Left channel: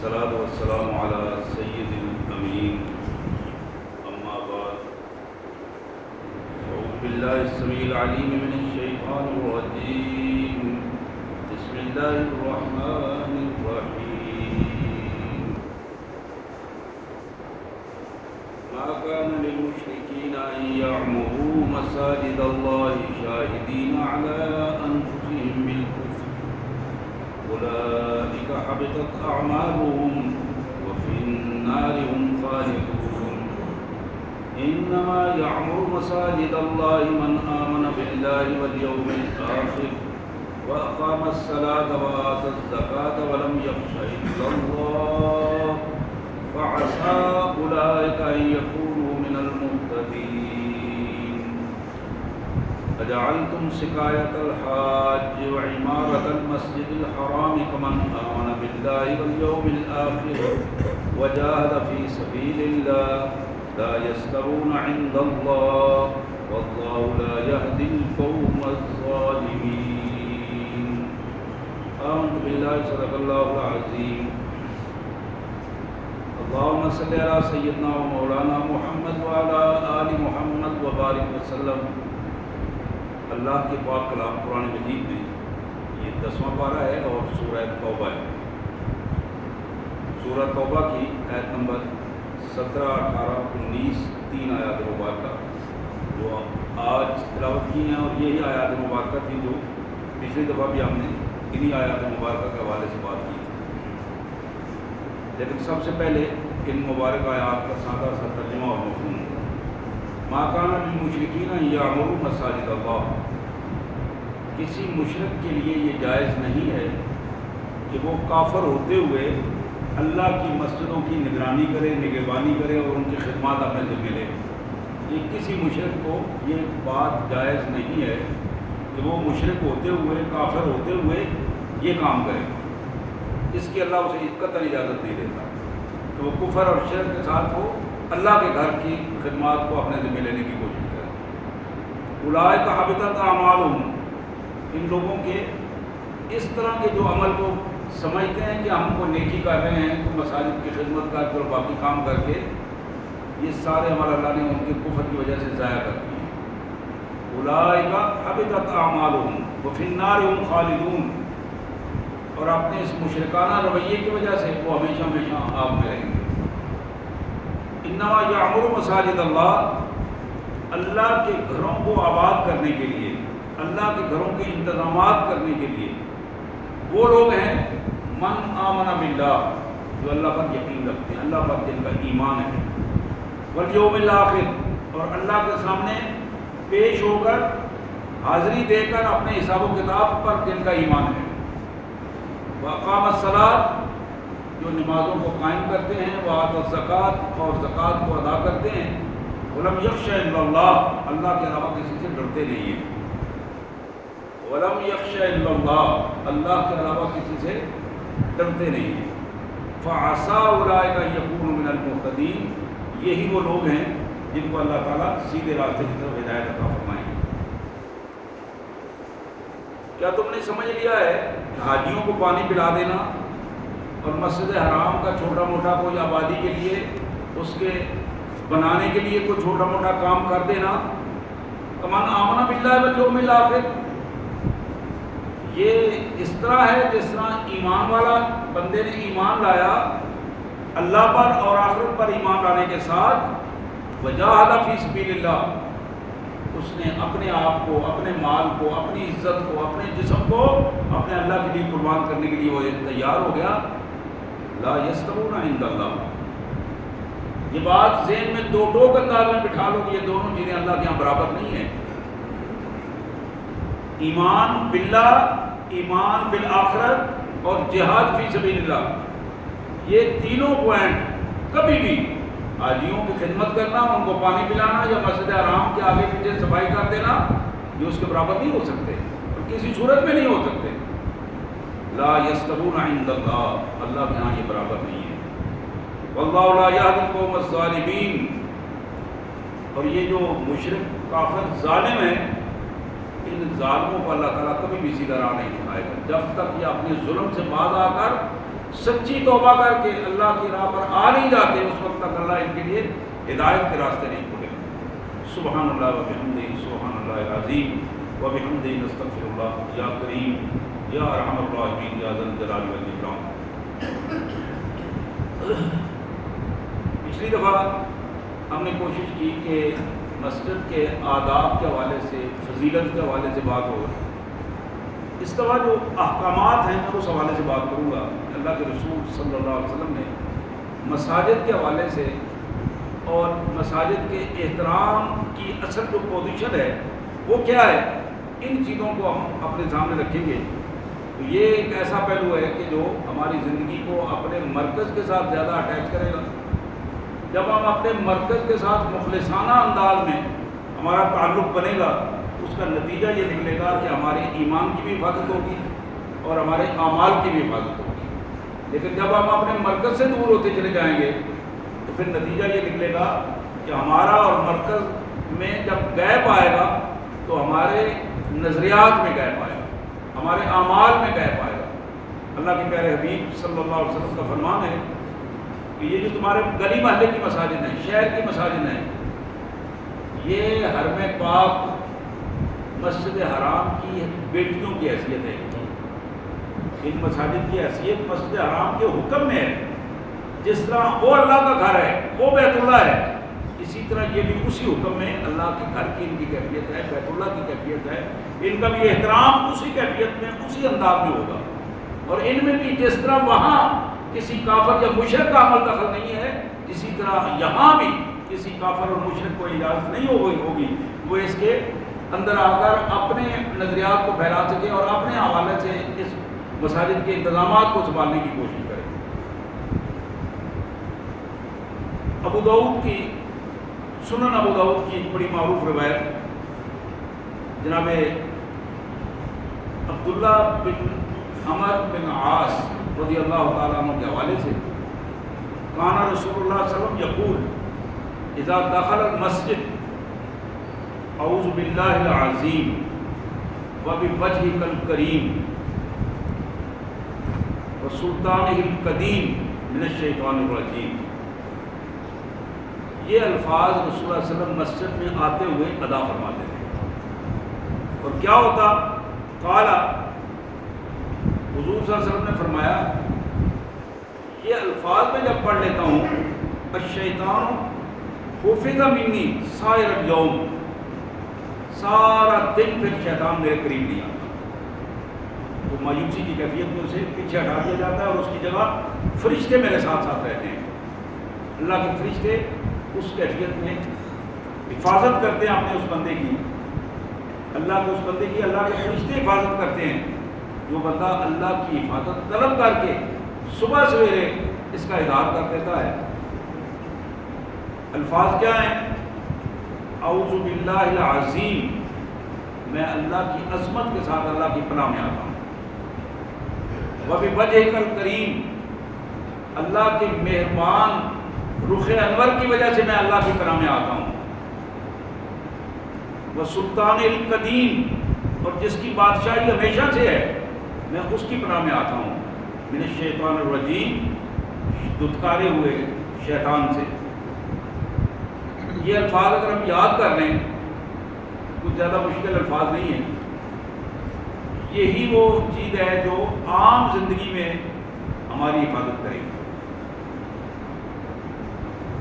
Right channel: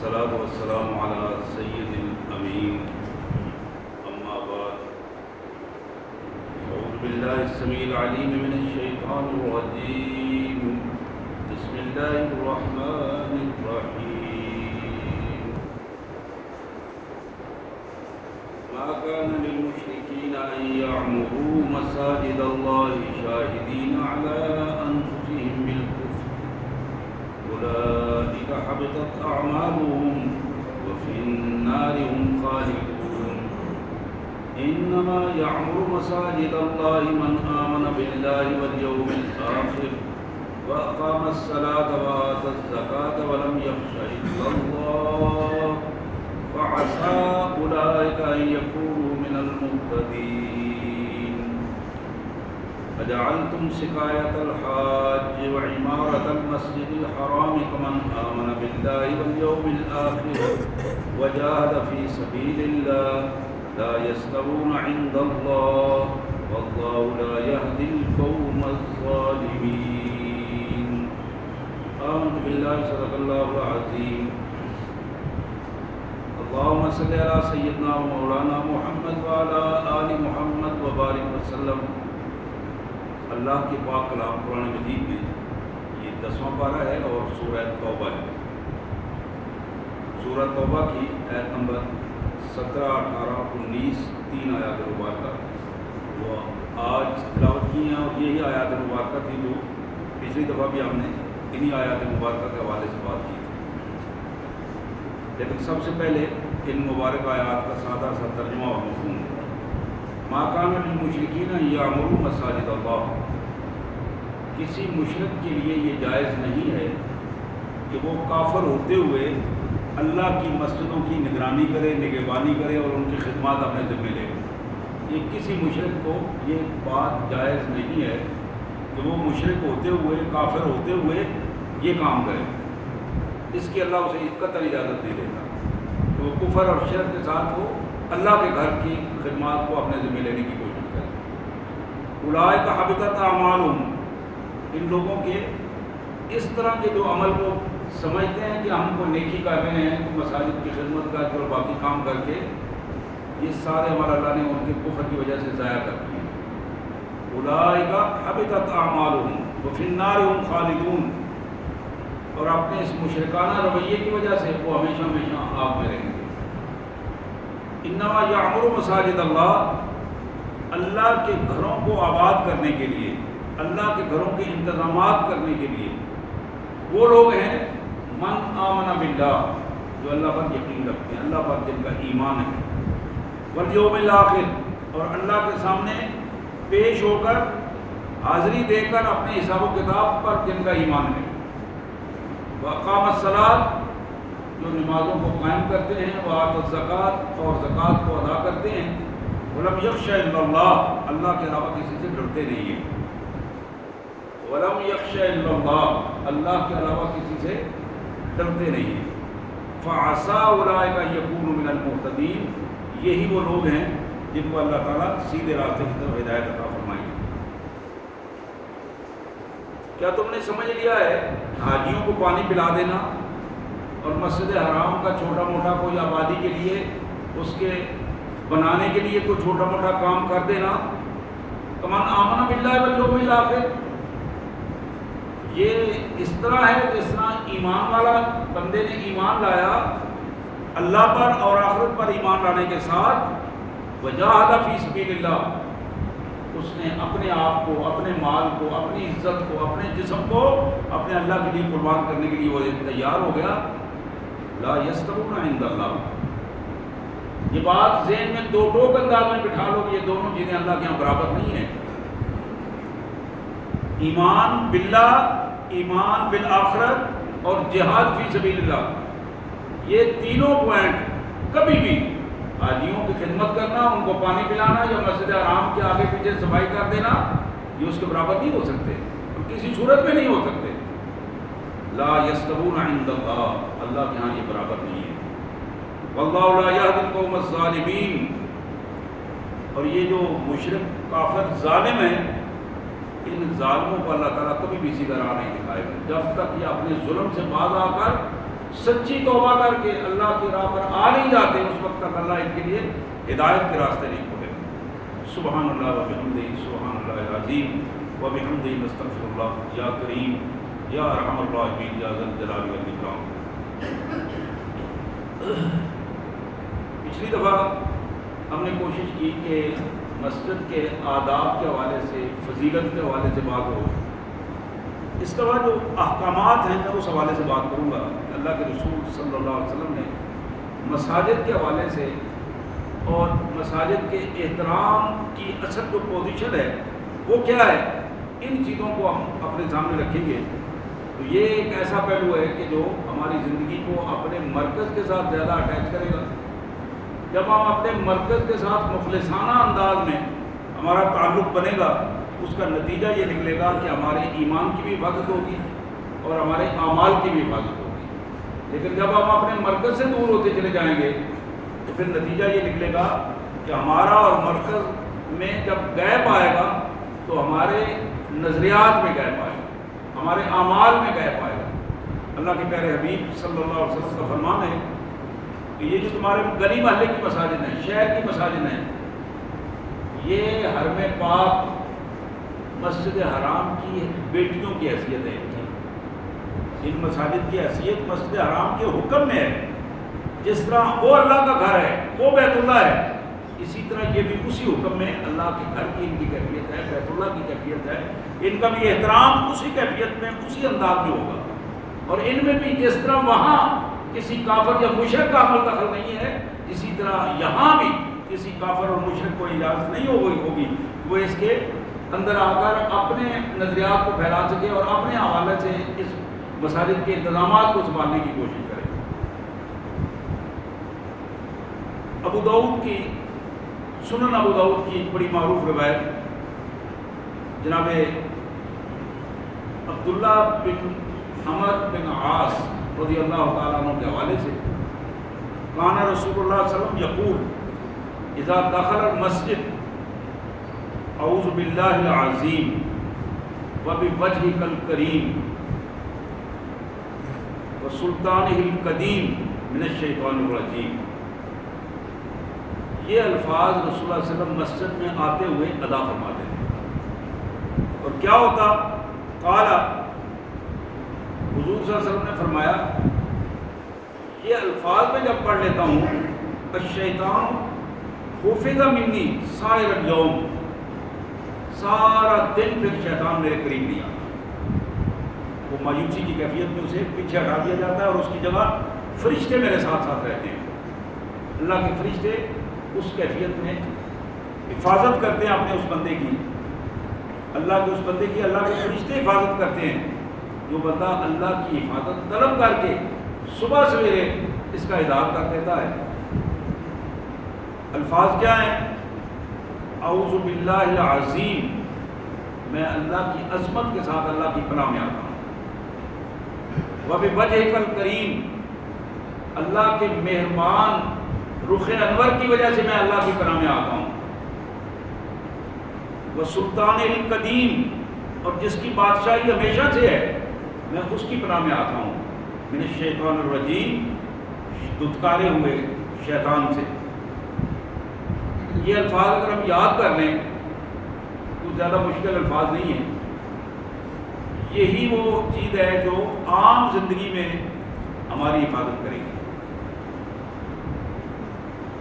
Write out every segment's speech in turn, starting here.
والصلاة والسلام على سید الامین اما بعد اعوذ باللہ السمیع العلیم من الشیطان الرجیم بسم اللہ الرحمن الرحیم ما كان للمشركين أن يعمروا مساجد الله شاهدين على أنفسهم بالكفر أولئك حبطت أعمالهم وفي النار هم خالدون إنما يعمر مساجد الله من آمن بالله واليوم الآخر وأقام الصلاة وآتى الزكاة ولم يخش إلا الله فعسى أولئك أن يكونوا من المهتدين أجعلتم سقاية الحاج وعمارة المسجد الحرام كمن آمن بالله واليوم الآخر وجاهد في سبيل الله لا يستوون عند الله والله لا يهدي القوم الظالمين آمنت بالله صدق الله العظيم اللهم صل على سيدنا ومولانا محمد وعلى آل محمد وبارک وسلم۔ اللہ کے پاک کلام قرآن مجید میں یہ 10واں پارہ ہے اور سورہ توبہ ہے۔ سورہ توبہ کی آیت نمبر 17، 18، 19 تین آیات مبارکہ وہ آج تلاوت کی ہیں، اور یہی آیات مبارکہ تھی جو پچھلی دفعہ بھی ہم نے انہی آیات مبارکہ کے حوالے سے بات کی تھی۔ لیکن سب سے پہلے ان مبارک آیات کا سادہ سا ترجمہ اور مفہوم۔ ما کان للمشرکین ان یعمروا مساجد اللہ، کسی مشرک کے لیے یہ جائز نہیں ہے کہ وہ کافر ہوتے ہوئے اللہ کی مسجدوں کی نگرانی کرے، نگہبانی کرے اور ان کی خدمات اپنے ذمہ لے۔ یہ کسی مشرک کو یہ بات جائز نہیں ہے کہ وہ مشرک ہوتے ہوئے، کافر ہوتے ہوئے یہ کام کرے۔ اس کی اللہ اسے قطعاً اجازت نہیں دیتا کہ وہ کفر اور شرک کے ساتھ وہ اللہ کے گھر کی خدمات کو اپنے ذمہ لینے کی کوشش کرے۔ اولئک حبطت اعمالہم، ان لوگوں کے اس طرح کے جو عمل کو سمجھتے ہیں کہ ہم کو نیکی کر رہے ہیں، مساجد کی خدمت کر کے اور باقی کام کر کے، یہ سارے عمل اللہ نے ان کے کفر کی وجہ سے ضائع کر دیے۔ اولئک حبطت اعمالہم وفی النار هم خالدون، اور اپنے اس مشرکانہ رویے کی وجہ سے وہ ہمیشہ ہمیشہ آگ میں رہیں گے۔ انما یعمر مساجد اللہ، اللہ کے گھروں کو آباد کرنے کے لیے، اللہ کے گھروں کے انتظامات کرنے کے لیے وہ لوگ ہیں من آمن باللہ، جو اللہ پر یقین رکھتے ہیں، اللہ پر جن کا ایمان ہے، والیوم الآخر، اور اللہ کے سامنے پیش ہو کر حاضری دے کر اپنے حساب و کتاب پر جن کا ایمان ہے، وَأَقَامَ الصَّلَاةَ، جو نمازوں کو قائم کرتے ہیں، وَآتَى الزَّكَاةَ، اور زکوٰۃ کو ادا کرتے ہیں، وَلَمْ يَخْشَ إِلَّا اللَّهَ، اللہ کے علاوہ کسی سے ڈرتے نہیں ہیں، وَلَمْ يَخْشَ إِلَّا اللَّهَ، اللہ کے علاوہ کسی سے ڈرتے نہیں ہیں، فَعَسَىٰ أُولَٰئِكَ أَن يَكُونُوا مِنَ الْمُهْتَدِينَ، یہی وہ لوگ ہیں جن کو اللہ تعالیٰ سیدھے راستے کی طرف ہدایت عطا فرمائیں گے۔ کیا تم نے سمجھ لیا ہے کہ حاجیوں کو پانی پلا دینا اور مسجد حرام کا چھوٹا موٹا کوئی آبادی کے لیے، اس کے بنانے کے لیے کوئی چھوٹا موٹا کام کر دینا، کمن آمن باللہ والیوم الآخر، یہ اس طرح ہے جس طرح ایمان والا بندے نے ایمان لایا اللہ پر اور آخرت پر ایمان لانے کے ساتھ، وجاہد فی سبیل اللہ، اس نے اپنے آپ کو، اپنے مال کو، اپنی عزت کو، اپنے جسم کو اپنے اللہ کے لیے قربان کرنے کے لیے وہ تیار ہو گیا۔ لا یستوون عند اللہ، یہ بات ذہن میں دو ٹوک انداز میں بٹھا لو کہ یہ دونوں چیزیں اللہ کے یہاں برابر نہیں ہیں۔ ایمان باللہ، ایمان بالآخرت، اور جہاد فی سبیل اللہ، یہ تینوں پوائنٹ کبھی بھی حاجیوں کی خدمت کرنا، ان کو پانی پلانا یا مسجد حرام کے آگے پیچھے صفائی کر دینا، یہ اس کے برابر نہیں ہو سکتے اور کسی صورت میں نہیں ہو سکتے۔ لا یستوون عند اللہ، اللہ کے ہاں یہ برابر نہیں ہے۔ واللہ لا یہدی القوم الظالمین، اور یہ جو مشرک کافر ظالم ہیں، ان ظالموں کو اللہ تعالیٰ کبھی بھی سیدھا راہ نہیں دکھائے گا جب تک یہ اپنے ظلم سے باز آ کر سچی توبہ کر کے اللہ کی راہ پر آ نہیں جاتے، اس وقت تک اللہ ان کے لیے ہدایت کے راستے نہیں کھولے گا۔ سبحان اللہ و بحمدہ، سبحان اللہ العظیم و بحمدہ، نستغفر اللہ، یا کریم یا ارحم الراحمین یا ذا الجلال والاکرام۔ پچھلی دفعہ ہم نے کوشش کی کہ مسجد کے آداب کے حوالے سے، فضیلت کے حوالے سے بات ہو۔ اس دفعہ جو احکامات ہیں میں اس حوالے سے بات کروں گا۔ اللہ کے رسول صلی اللہ علیہ وسلم نے مساجد کے حوالے سے اور مساجد کے احترام کی اصل جو پوزیشن ہے وہ کیا ہے، ان چیزوں کو ہم اپنے سامنے رکھیں گے تو یہ ایک ایسا پہلو ہے کہ جو ہماری زندگی کو اپنے مرکز کے ساتھ زیادہ اٹیچ کرے گا۔ جب ہم اپنے مرکز کے ساتھ مخلصانہ انداز میں ہمارا تعلق بنے گا، اس کا نتیجہ یہ نکلے گا کہ ہمارے ایمان کی بھی حفاظت ہوگی اور ہمارے اعمال کی بھی حفاظت ہوگی۔ لیکن جب ہم اپنے مرکز سے دور ہوتے چلے جائیں گے تو پھر نتیجہ یہ نکلے گا کہ ہمارا اور مرکز میں جب گیپ آئے گا تو ہمارے نظریات میں گیپ آئے گا، ہمارے اعمال میں گیپ آئے گا۔ اللہ کے پیارے حبیب صلی اللہ علیہ وسلم کا فرمان ہے کہ یہ جو تمہارے گلی محلے کی مساجد ہیں، شہر کی مساجد ہیں، یہ حرم پاک مسجد حرام کی بیٹیوں کی حیثیت ہے۔ ان مساجد کی حیثیت مسجد حرام کے حکم میں ہے۔ جس طرح وہ اللہ کا گھر ہے، وہ بیت اللہ ہے، اسی طرح یہ بھی اسی حکم میں اللہ کے گھر کی ان کی کیفیت ہے، بیت اللہ کی کیفیت ہے۔ ان کا بھی احترام اسی کیفیت میں، اسی انداز میں ہوگا۔ اور ان میں بھی جس طرح وہاں کسی کافر یا مشرک کا عمل دخل نہیں ہے، اسی طرح یہاں بھی کسی کافر اور مشرک کو اجازت نہیں ہوگی وہ اس کے اندر آ کر اپنے نظریات کو پھیلا سکے اور اپنے حوالے سے اس مساجد کے انتظامات کو سنبھالنے کی کوشش کرے۔ ابو داؤد کی سنن ابو داؤد کی ایک بڑی معروف روایت جناب عبداللہ بن عمر بن عاص رضی اللہ تعالیٰ عنہ کے حوالے سے، کان رسول اللہ صلی اللہ علیہ وسلم یقول اذا دخل المسجد اعوذ باللہ العظیم وبوجہہ الکریم وسلطانہ القدیم من الشیطان الرجیم۔ یہ الفاظ رسول اللہ صلی اللہ علیہ وسلم مسجد میں آتے ہوئے ادا فرماتے تھے۔ اور کیا ہوتا؟ قال، حضور صلی اللہ علیہ وسلم نے فرمایا یہ الفاظ میں جب پڑھ لیتا ہوں، الشیطان حفظ منی سائر اليوم، سارا دن پھر شیطان میرے قریب نہیں آتا۔ وہ مایوسی کی کیفیت میں اسے پیچھے ہٹا دیا جاتا ہے اور اس کی جگہ فرشتے میرے ساتھ ساتھ رہتے ہیں۔ اللہ کے فرشتے اس کیفیت میں حفاظت کرتے ہیں اپنے اس بندے کی، اللہ کے اس بندے کی اللہ کے فرشتے حفاظت کرتے ہیں۔ جو بندہ اللہ کی حفاظت طلب کر کے صبح سویرے اس کا اظہار کر دیتا ہے۔ الفاظ کیا ہیں؟ اعوذ باللہ العظیم، میں اللہ کی عظمت کے ساتھ اللہ کی پناہ میں آتا ہوں۔ وبوجہہ الکریم، اللہ کے مہربان رخ انور کی وجہ سے میں اللہ کی پناہ میں آتا ہوں۔ وسلطان القدیم، اور جس کی بادشاہی ہمیشہ سے ہے میں اس کی پناہ میں آتا ہوں۔ من الشیطان الرجیم، دھتکارے ہوئے شیطان سے۔ یہ الفاظ اگر ہم یاد کر لیں، کچھ زیادہ مشکل الفاظ نہیں ہیں، یہی وہ چیز ہے جو عام زندگی میں ہماری حفاظت کرے گی۔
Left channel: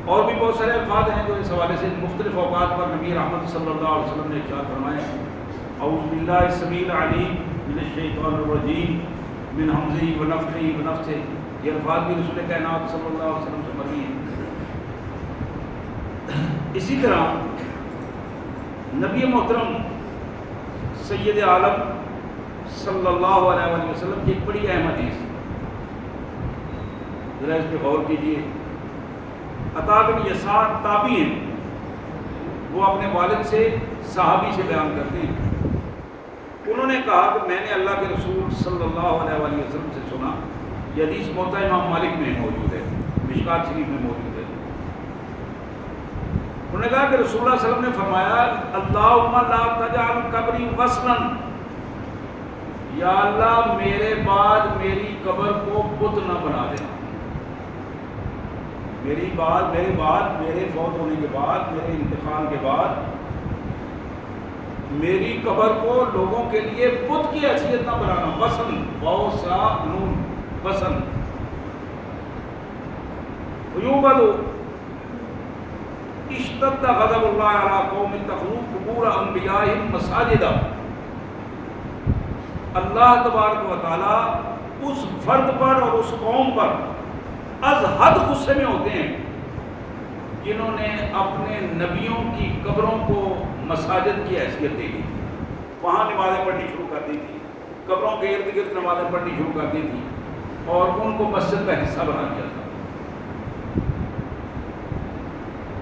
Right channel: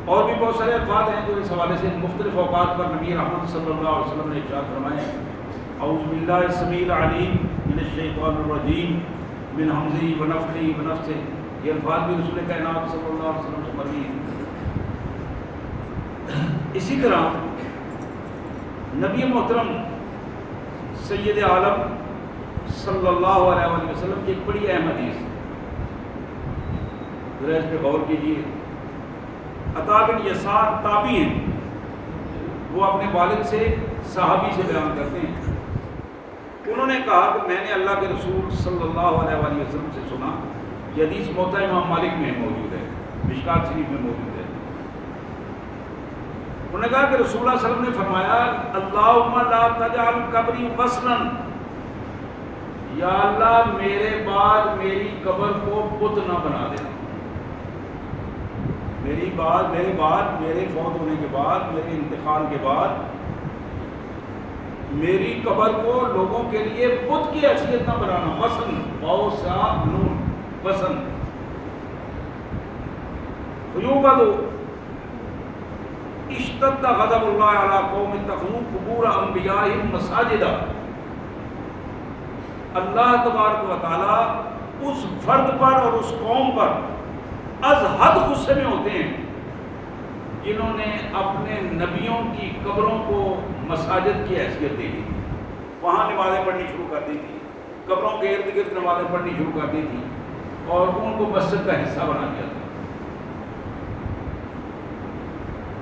اور بھی بہت سارے الفاظ ہیں جو اس حوالے سے مختلف اوقات پر نبی رحمت صلی اللہ علیہ وسلم نے ارشاد فرمائے۔ اعوذ باللہ السمیع العلیم من الشیطان الرجیم من ہمزہ ونفخہ ونفثہ، یہ الفاظ بھی رسول کائنات صلی اللہ علیہ وسلم سے مروی ہیں۔ اسی طرح نبی محترم سید عالم صلی اللہ علیہ وآلہ وسلم کی ایک بڑی اہم حدیث، ذرا اس پہ غور کیجیے۔ عطا بن یسار تابعی ہیں، وہ اپنے والد سے صحابی سے بیان کرتے ہیں۔ انہوں نے کہا کہ میں نے اللہ کے رسول صلی اللہ علیہ وآلہ وسلم سے سنا، یہ حدیث موطا امام مالک میں موجود ہے، مشکات شریف میں موجود ہے۔ انہوں نے کہا کہ رسول اللہ صلی اللہ علیہ وسلم نے فرمایا اللہم لا تجعل قبری وصلا، یا اللہ میرے بعد میری قبر کو بت نہ بنا دینا، میرے فوت ہونے کے بعد، میرے انتقال کے بعد میری قبر کو لوگوں کے لیے بت کی حیثیت نہ بنانا. وسن بہت سا نون وسن فیوبد اشتد غضب اللہ علی قوم اتخذوا قبور انبیائہم مساجدا. اللہ تبارک و تعالی اس فرد پر اور اس قوم پر از حد غصے میں ہوتے ہیں جنہوں نے اپنے نبیوں کی قبروں کو مساجد کی حیثیت دے دی، وہاں نمازیں پڑھنی شروع کر دی تھی، قبروں کے ارد گرد نمازیں پڑھنی شروع کر دی تھی اور ان کو مسجد کا حصہ بنا دیا تھا.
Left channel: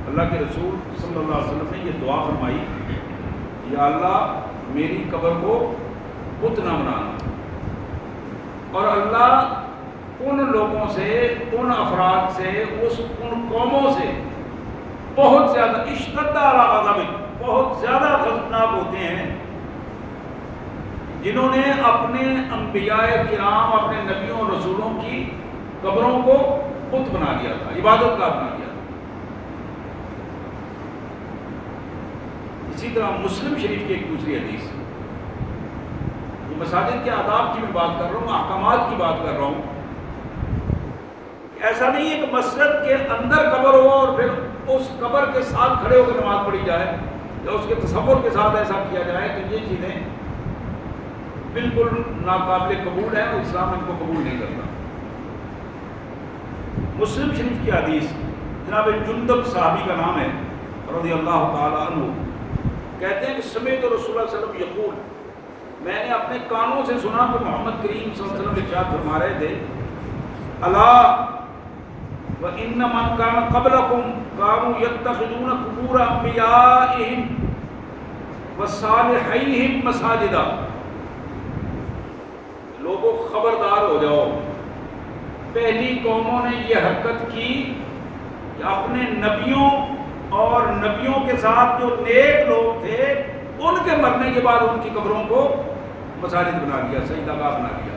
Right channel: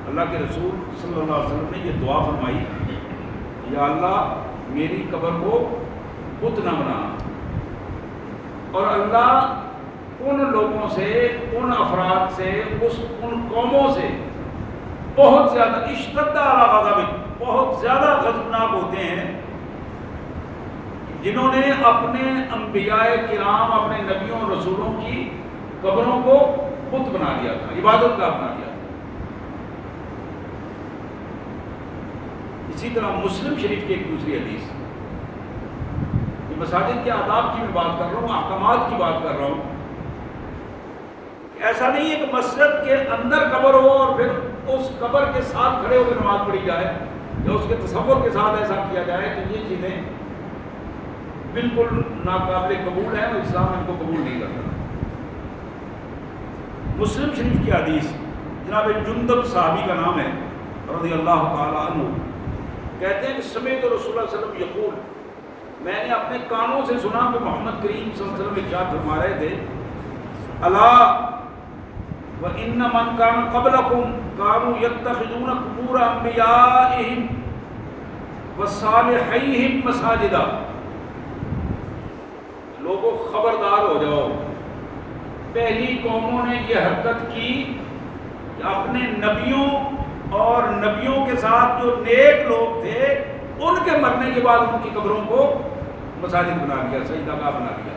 اللہ کے رسول صلی اللہ علیہ وسلم نے یہ دعا فرمائی، یا اللہ میری قبر کو بت نہ بنانا. اور اللہ ان لوگوں سے، ان افراد سے، ان قوموں سے بہت زیادہ اشتد علی غضب، بہت زیادہ غضبناک ہوتے ہیں جنہوں نے اپنے انبیاء کرام، اپنے نبیوں اور رسولوں کی قبروں کو بت بنا لیا تھا، عبادت کا بنا لیا تھا. اسی طرح مسلم شریف کی ایک دوسری حدیث، یہ مساجد کے آداب کی میں بات کر رہا ہوں، احکامات کی بات کر رہا ہوں. ایسا نہیں ہے کہ مسجد کے اندر قبر ہو اور پھر اس قبر کے ساتھ کھڑے ہو کے نماز پڑھی جائے یا اس کے تصور کے ساتھ ایسا کیا جائے، کہ یہ چیزیں بالکل ناقابل قبول ہیں اور اسلام ان کو قبول نہیں کرتا. مسلم شریف کی حدیث، جناب جندب صحابی کا نام ہے رضی اللہ تعالی عنہ، کہتے ہیں کہ سمعت رسول اللہ صلی اللہ علیہ وسلم یقول، میں نے اپنے کانوں سے سنا کہ محمد کریم صلی اللہ علیہ وسلم ارشاد فرما رہے تھے، الا وَإِنَّ مَنْ كَانَ قَبْلَكُمْ كَانُوا يَتَّخِذُونَ قُبُورَ أَنْبِيَائِهِمْ وَصَالِحِيهِمْ مَسَاجِدًا. لوگوں خبردار ہو جاؤ، پہلی قوموں نے یہ حرکت کی کہ اپنے نبیوں اور نبیوں کے ساتھ جو نیک لوگ تھے ان کے مرنے کے بعد ان کی قبروں کو مساجد بنا لیا، سجدہ بنا لیا،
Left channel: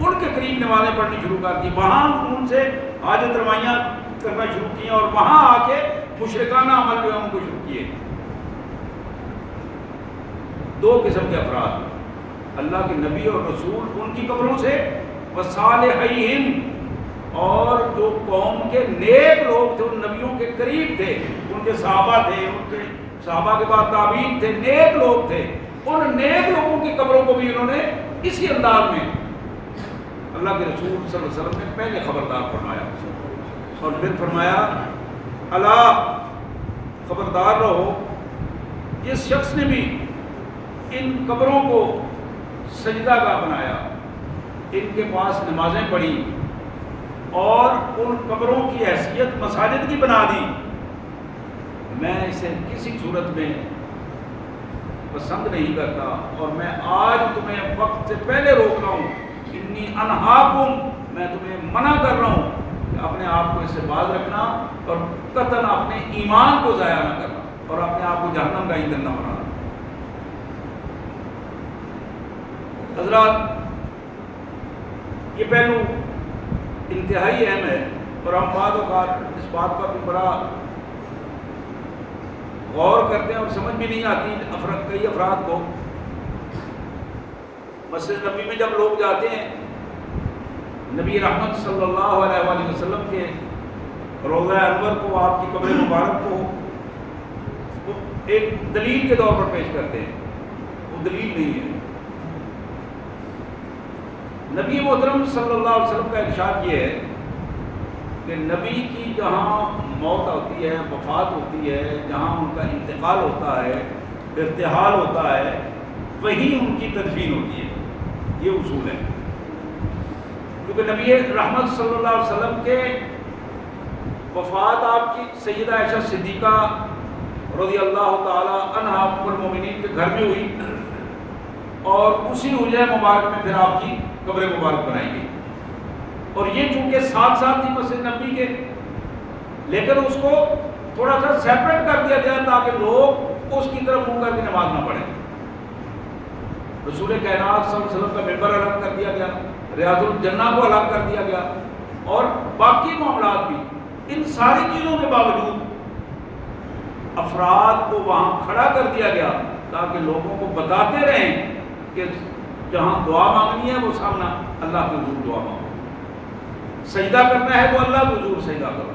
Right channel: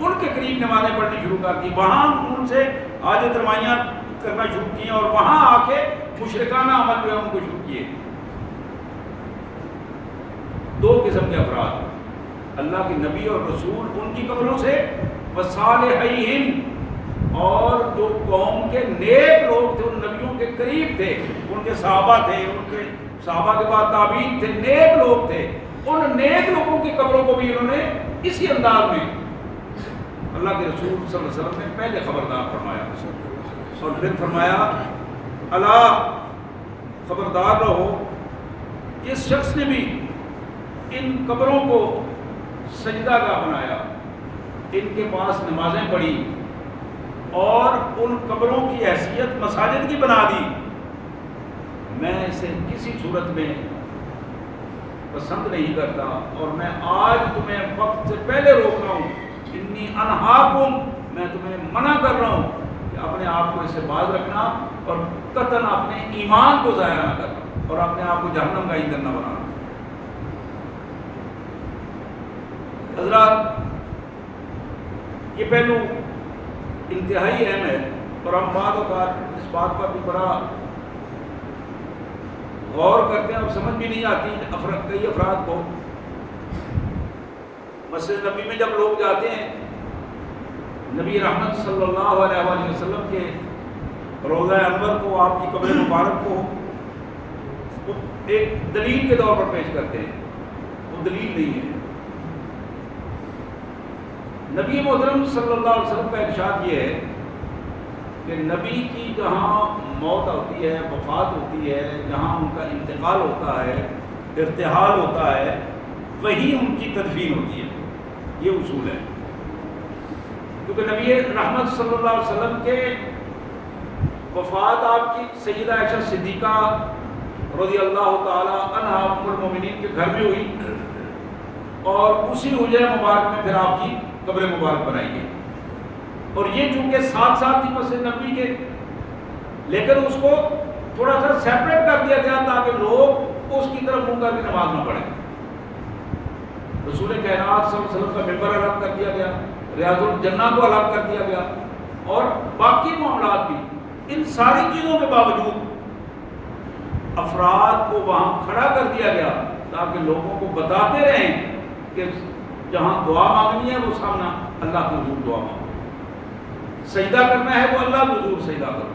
ان کے قریب نمازیں پڑھنی شروع کر دی، وہاں ان سے حاجت رمائیاں کرنا شروع کی اور وہاں آ کے مشرکانہ عمل جو ہے ان کو شروع کیے. دو قسم کے افراد، اللہ کے نبی اور رسول ان کی قبروں سے، وصالحیہم، اور جو قوم کے نیک لوگ تھے، ان نبیوں کے قریب تھے، ان کے صحابہ تھے، ان کے صحابہ کے بعد تابعین تھے، نیک لوگ تھے، ان نیک لوگوں کی قبروں کو بھی انہوں نے اسی انداز میں اللہ کے رسول صلی اللہ علیہ وسلم نے پہلے خبردار فرمایا اور پھر فرمایا، الا خبردار رہو، جس شخص نے بھی ان قبروں کو سجدہ گاہ بنایا، ان کے پاس نمازیں پڑھی اور ان قبروں کی حیثیت مساجد کی بنا دی، میں اسے کسی صورت میں پسند نہیں کرتا اور میں آج تمہیں وقت سے پہلے روک رہا ہوں. انی انہاکم، میں تمہیں منع کر رہا ہوں کہ اپنے آپ کو اس سے باز رکھنا اور قطعاً اپنے ایمان کو ضائع نہ کرنا اور اپنے آپ کو جہنم کا ایندھن نہ بنانا. حضرات، یہ پہلو انتہائی اہم ہے اور ہم بعض اوقات اس بات پر بھی بڑا غور کرتے ہیں اور سمجھ بھی نہیں آتی کئی افراد کو. مسجد نبی میں جب لوگ جاتے ہیں، نبی رحمت صلی اللہ علیہ وآلہ وسلم کے روضہ انور کو، آپ کی قبر مبارک کو وہ ایک دلیل کے طور پر پیش کرتے ہیں. وہ دلیل نہیں ہے. نبی محترم صلی اللہ علیہ وسلم کا ارشاد یہ ہے کہ نبی کی جہاں موت ہوتی ہے، وفات ہوتی ہے، جہاں ان کا انتقال ہوتا ہے، ارتحال ہوتا ہے، وہی ان کی تدفین ہوتی ہے. یہ اصول ہے، کیونکہ نبی رحمت صلی اللہ علیہ وسلم کے وفات آپ کی سیدہ عائشہ صدیقہ رضی اللہ تعالی عنہا ام المومنین کے گھر میں ہوئی اور اسی حجرہ مبارک میں پھر آپ کی قبر مبارک بنائی گئی. اور یہ چونکہ ساتھ ساتھ تھی مسجد نبی کے، لیکن اس کو تھوڑا سا سیپریٹ کر دیا گیا تاکہ لوگ اس کی طرف منہ کر کے نماز نہ پڑھیں. رسول کائنات صلی اللہ علیہ وسلم کا ممبر الگ کر دیا گیا، ریاض الجنہ کو الگ کر دیا گیا، اور باقی معاملات بھی۔ ان ساری چیزوں کے باوجود افراد کو وہاں کھڑا کر دیا گیا تاکہ لوگوں کو بتاتے رہیں کہ جہاں دعا مانگنی ہے وہ سامنا اللہ کے حضور دعا مانگو، سجدہ کرنا ہے تو اللہ کے حضور سجدہ کرو۔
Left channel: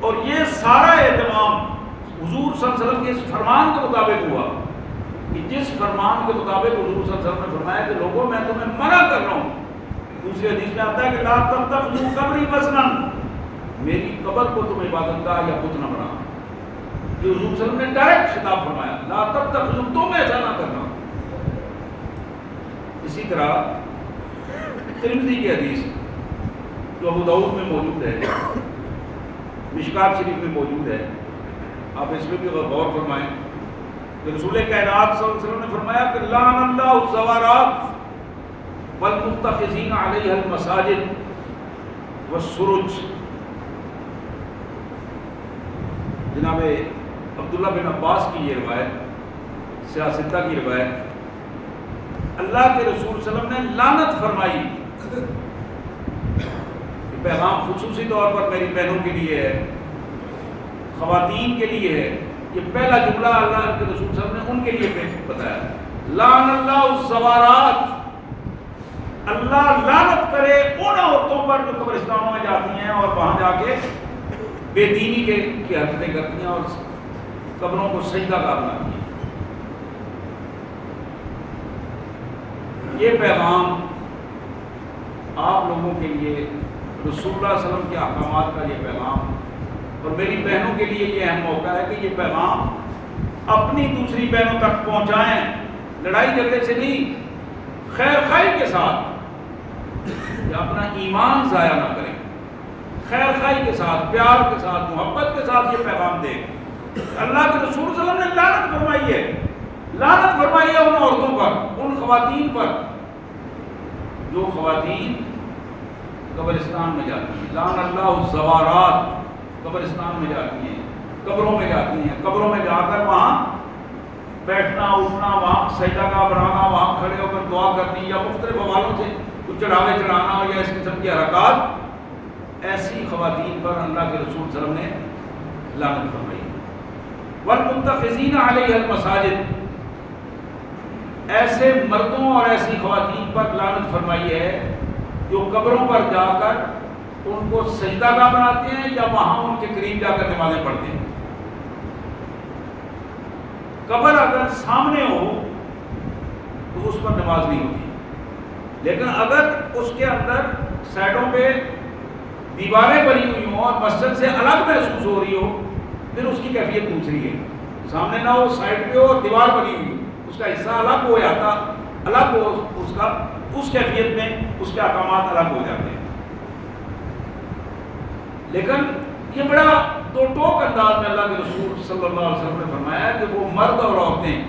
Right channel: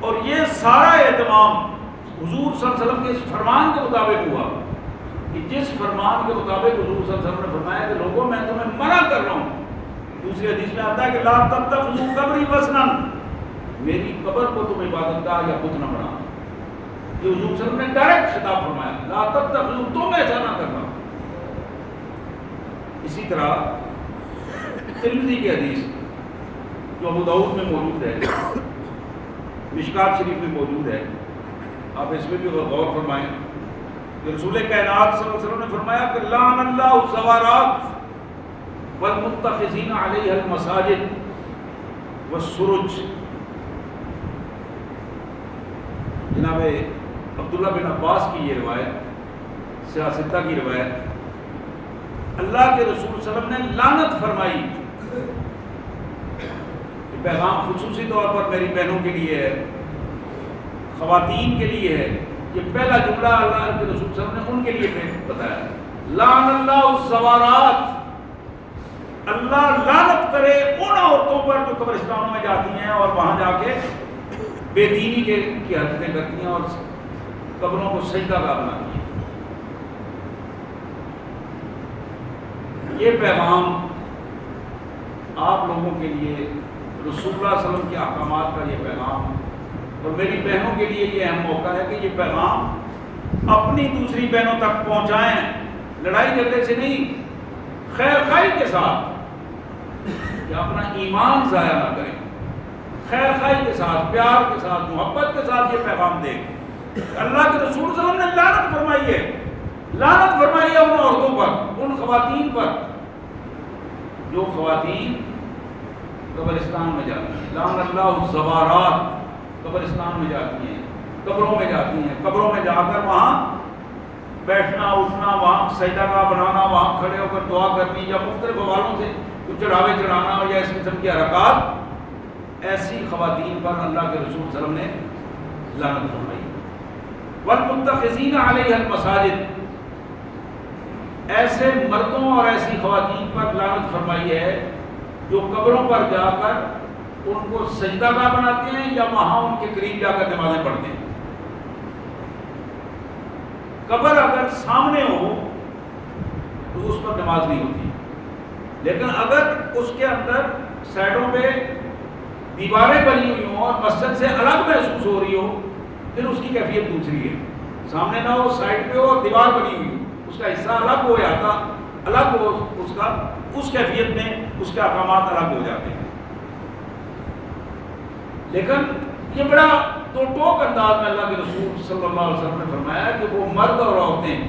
اور یہ سارا اہتمام حضور صلی اللہ علیہ وسلم کے اس فرمان کے مطابق ہوا کہ جس فرمان کے مطابق حضور صلی اللہ علیہ وسلم نے فرمایا کہ لوگوں میں تمہیں منع کر رہا ہوں۔ دوسری حدیث میں آتا ہے کہ لا تتخذوا قبری وثنا، میری قبر کو تم عبادت گاہ یا بت نہ بناؤ۔ یہ حضور صلی اللہ علیہ وسلم نے ڈائریکٹ خطاب فرمایا، لا تتخذوا، تم ایسا نہ کرنا۔ اسی طرح ترمذی کی حدیث جو ابو داؤد میں موجود ہے، مشکات شریف میں موجود ہے، آپ اس میں بھی غور فرمائیں کہ رسول کائنات صلی اللہ علیہ وسلم نے فرمایا کہ لعن اللہ الزوارات والمتخذین علیہ المساجد والسرج۔ جناب عبداللہ بن عباس کی یہ روایت، سیاستہ کی روایت، اللہ کے رسول صلی اللہ علیہ وسلم نے لعنت فرمائی۔ یہ پیغام خصوصی طور پر میری بہنوں کے لیے ہے، خواتین کے لیے ہے۔ یہ پہلا جملہ اللہ کے رسول صلی اللہ علیہ وسلم نے ان کے لیے بتایا، لعن اللہ الزوارات، اللہ لعنت کرے ان عورتوں پر جو قبرستانوں میں جاتی ہیں اور وہاں جا کے بے دینی کی حرکتیں کرتی ہیں اور قبروں کو سجدہ گاہ بناتی ہیں۔ یہ پیغام آپ لوگوں کے لیے، رسول اللہ صلی اللہ علیہ وسلم کے احکامات کا یہ پیغام، اور میری بہنوں کے لیے یہ اہم موقع ہے کہ یہ پیغام اپنی دوسری بہنوں تک پہنچائیں، لڑائی جھگڑے سے نہیں، خیر خواہی کے ساتھ، کہ اپنا ایمان ضائع نہ کریں، خیر خواہی کے ساتھ، پیار کے ساتھ، محبت کے ساتھ یہ پیغام دیں۔ اللہ کے رسول صلی اللہ علیہ وسلم نے لعنت فرمائی ہے، لعنت فرمائی ہے ان عورتوں پر، ان خواتین پر جو خواتین قبرستان میں جاتی ہیں۔ لعن اللہ الزوارات، قبرستان میں جاتی ہیں، قبروں میں جاتی ہیں، قبروں میں جا کر وہاں بیٹھنا اٹھنا، وہاں سجدہ گاہ بنانا، وہاں کھڑے ہو کر دعا کرنی، یا مختلف حوالوں سے کچھ چڑھاوے چڑھانا یا اس قسم کی حرکات، ایسی خواتین پر اللہ کے رسول صلی اللہ علیہ وسلم نے لعنت فرمائی۔ والمتخذین علیہ المساجد، ایسے مردوں اور ایسی خواتین پر لعنت فرمائی ہے جو قبروں پر جا کر ان کو سجدہ گاہ بناتے ہیں یا وہاں ان کے قریب جا کر نمازیں پڑھتے ہیں۔ قبر اگر سامنے ہو تو اس پر نماز نہیں ہوتی، لیکن اگر اس کے اندر سائڈوں پہ دیواریں بنی ہوئی ہوں اور مسجد سے الگ محسوس ہو رہی ہو، پھر اس کی کیفیت دوسری ہے۔ سامنے نہ ہو، سائڈ پہ ہو اور دیوار بنی ہوئی ہو، اس کا حصہ الگ ہو جاتا، الگ ہو اس کا، اس کیفیت میں اس کے احکامات الگ ہو جاتے ہیں۔ لیکن یہ بڑا دو ٹوک انداز میں اللہ کے رسول صلی اللہ علیہ وسلم نے فرمایا کہ وہ مرد اور عورتیں،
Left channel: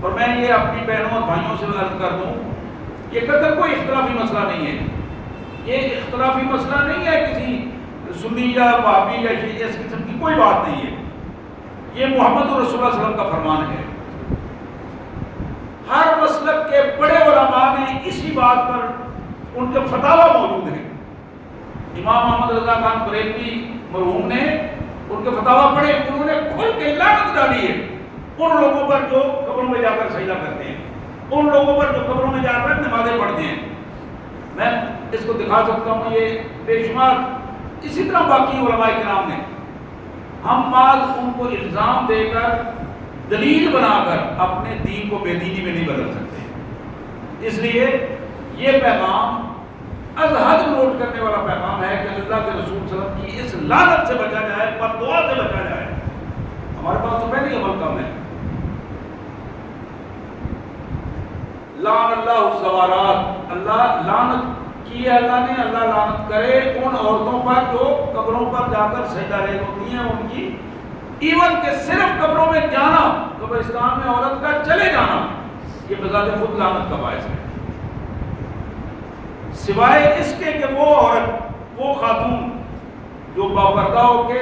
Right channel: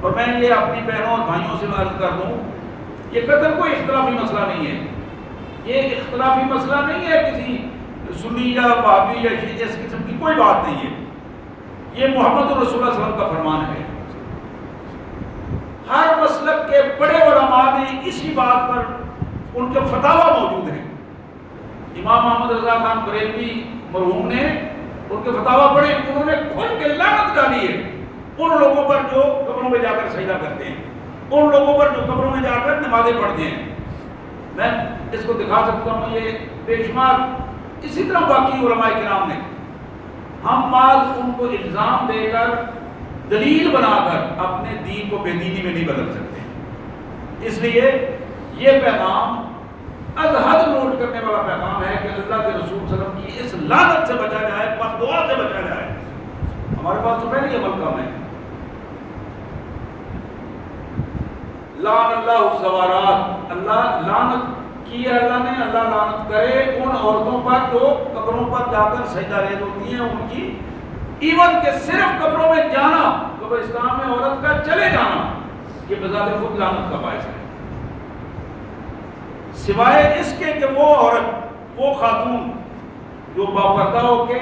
اور میں یہ اپنی بہنوں اور بھائیوں سے عرض کر دوں، یہ قتل کوئی اختلافی مسئلہ نہیں ہے، یہ اختلافی مسئلہ نہیں ہے کسی سنی یا وہابی یا اس قسم کی کوئی بات نہیں ہے، یہ محمد رسول اللہ صلی اللہ علیہ وسلم کا فرمان ہے۔ ہر مسلک کے بڑے علماء نے اسی بات پر ان کے فتاوی موجود ہیں۔ امام محمد رضا خان بریلوی مرحوم نے ان کے فتاوی پڑھے، انہوں نے کھل کے لعنت ڈالی ہے ان لوگوں پر جو قبروں میں جا کر سجدہ کرتے ہیں، ان لوگوں پر جو قبروں میں جا کر نمازیں پڑھتے ہیں۔ میں اس کو دکھا سکتا ہوں، یہ بے شمار اسی طرح باقی علماء کرام نے، ہم بعض ان کو الزام دے کر دلیل بنا کر اپنے دین کو بے دینی میں نہیں بدل سکتے۔ اس لیے یہ پیغام از حد نوٹ کرنے والا پیغام ہے کہ اللہ کے رسول صلی اللہ علیہ وسلم کی اس لعنت سے بچا جائے، بد دعا سے بچا جائے۔ ہمارے پاس تو پہلے ہی عمل کم ہے۔ لعن اللہ الزوارات، اللہ لعنت کی ہے اللہ نے، اللہ لعنت کرے ان عورتوں پر جو قبروں پر جا کر سجدہ ریز ہوتی ہیں، ان کی ایون کہ صرف قبروں میں جانا، قبرستان میں عورت کا چلے جانا، یہ بذات خود لعنت کا باعث ہے، سوائے اس کے کہ وہ عورت، وہ خاتون جو باپردہ ہو کے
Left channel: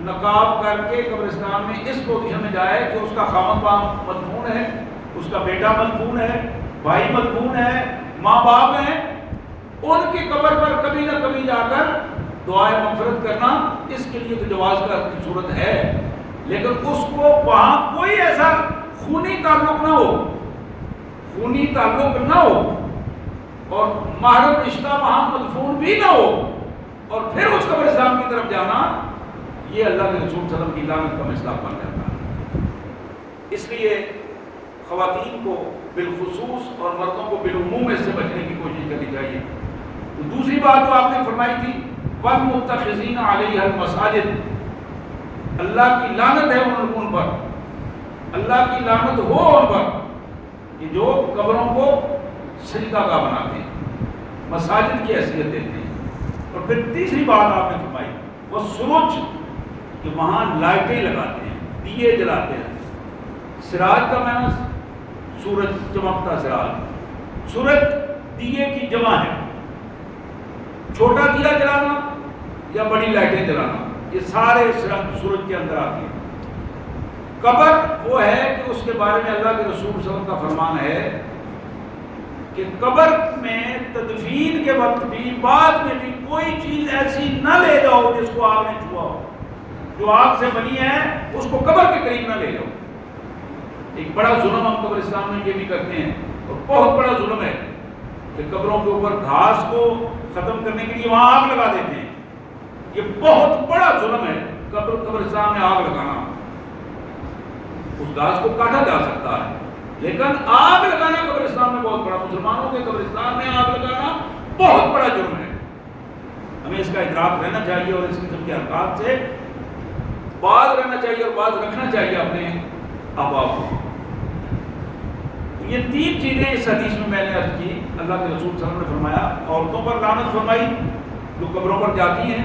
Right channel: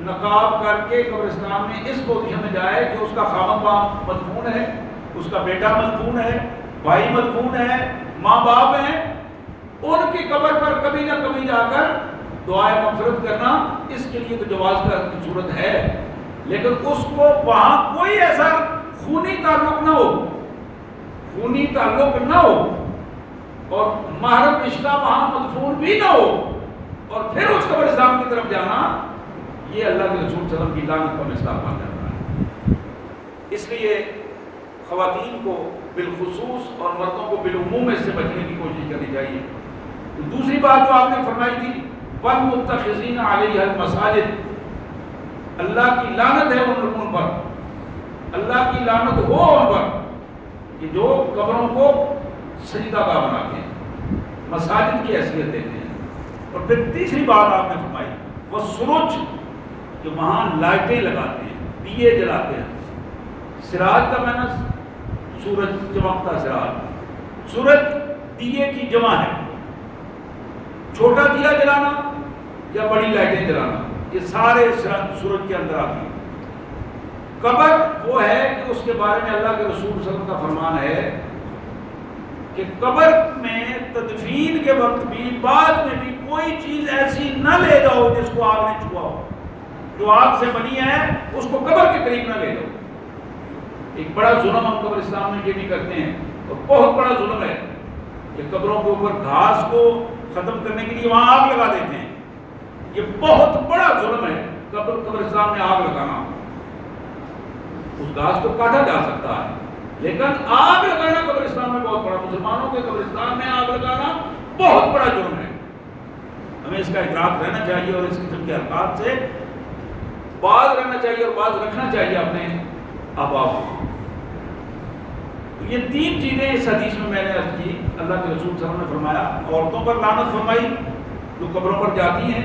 نقاب کر کے قبرستان میں اس پوزیشن میں جائے کہ اس کا خامد وہاں مدفون ہے، اس کا بیٹا مدفون ہے، بھائی مدفون ہے، ماں باپ ہیں، ان کی قبر پر کبھی نہ کبھی جا کر دعائیں مغفرت کرنا، اس کے لیے تو جواز کا صورت ہے، لیکن اس کو وہاں کوئی ایسا خونی تعلق نہ ہو، خونی تعلق نہ ہو، اور محرم رشتہ وہاں مدفون بھی نہ ہو، اور پھر اس قبرستان کی طرف جانا، یہ اللہ کے رسول صلی اللہ علیہ وسلم کی لعنت کا مصداق بن جاتا ہے۔ اس لیے خواتین کو بالخصوص اور مردوں کو بالعموم اس سے بچنے کی کوشش کرنی چاہیے۔ دوسری بات جو آپ نے فرمائی تھی وَالْمُتَّخِذِينَ عَلَيْهَا الْمَسَاجِدِ، اللہ کی لعنت ہے ان پر، اللہ کی لعنت ہو ان پر کہ جو قبروں کو سجدہ گاہ بناتے ہیں، مساجد کی حیثیت دیتے ہیں۔ اور پھر تیسری بات آپ نے فرمائی وہ سروج، کہ وہاں لائٹیں لگاتے ہیں، دیے جلاتے ہیں۔ سراج کا معنی سورج چمکتا سراج، سورج دیے کی جمع ہے، چھوٹا دیا جلانا یا بڑی لائٹیں جلانا، یہ سارے سورج کے اندر آتی ہیں۔ قبر وہ ہے کہ اس کے بارے میں اللہ کے رسول صلی اللہ علیہ وسلم کا فرمان ہے کہ قبر میں تدفین کے وقت بھی بعد میں بھی کوئی چیز ایسی نہ لے جاؤ جس کو آگ نے چھوا ہو، جو آگ سے بنی ہے اس کو قبر کے قریب نہ لے جاؤ۔ ایک بڑا ظلم ہم قبرستان میں یہ بھی کرتے ہیں، اور بہت بڑا ظلم ہے کہ قبروں کے اوپر گھاس کو ختم کرنے کے لیے وہاں آگ لگا دیتے ہیں۔ یہ بہت بڑا ظلم ہے قبرستان میں آگ لگانا۔ اس گھاس کو کاٹا جا سکتا ہے، لیکن آگ لگانا قبرستان میں بہت بڑا، مسلمانوں کے قبرستان میں آگ لگانا بہت بڑا جرم ہے۔ ہمیں اس کا ادراک رہنا چاہیے اور اس قسم کے حرکات سے باز رہنا چاہیے اور باز رکھنا چاہیے اپنے احباب کو۔ یہ تین چیزیں اس حدیث میں نے عرض کی۔ اللہ کے رسول صلی اللہ علیہ وسلم نے فرمایا عورتوں پر لعنت فرمائی جو قبروں پر جاتی ہیں،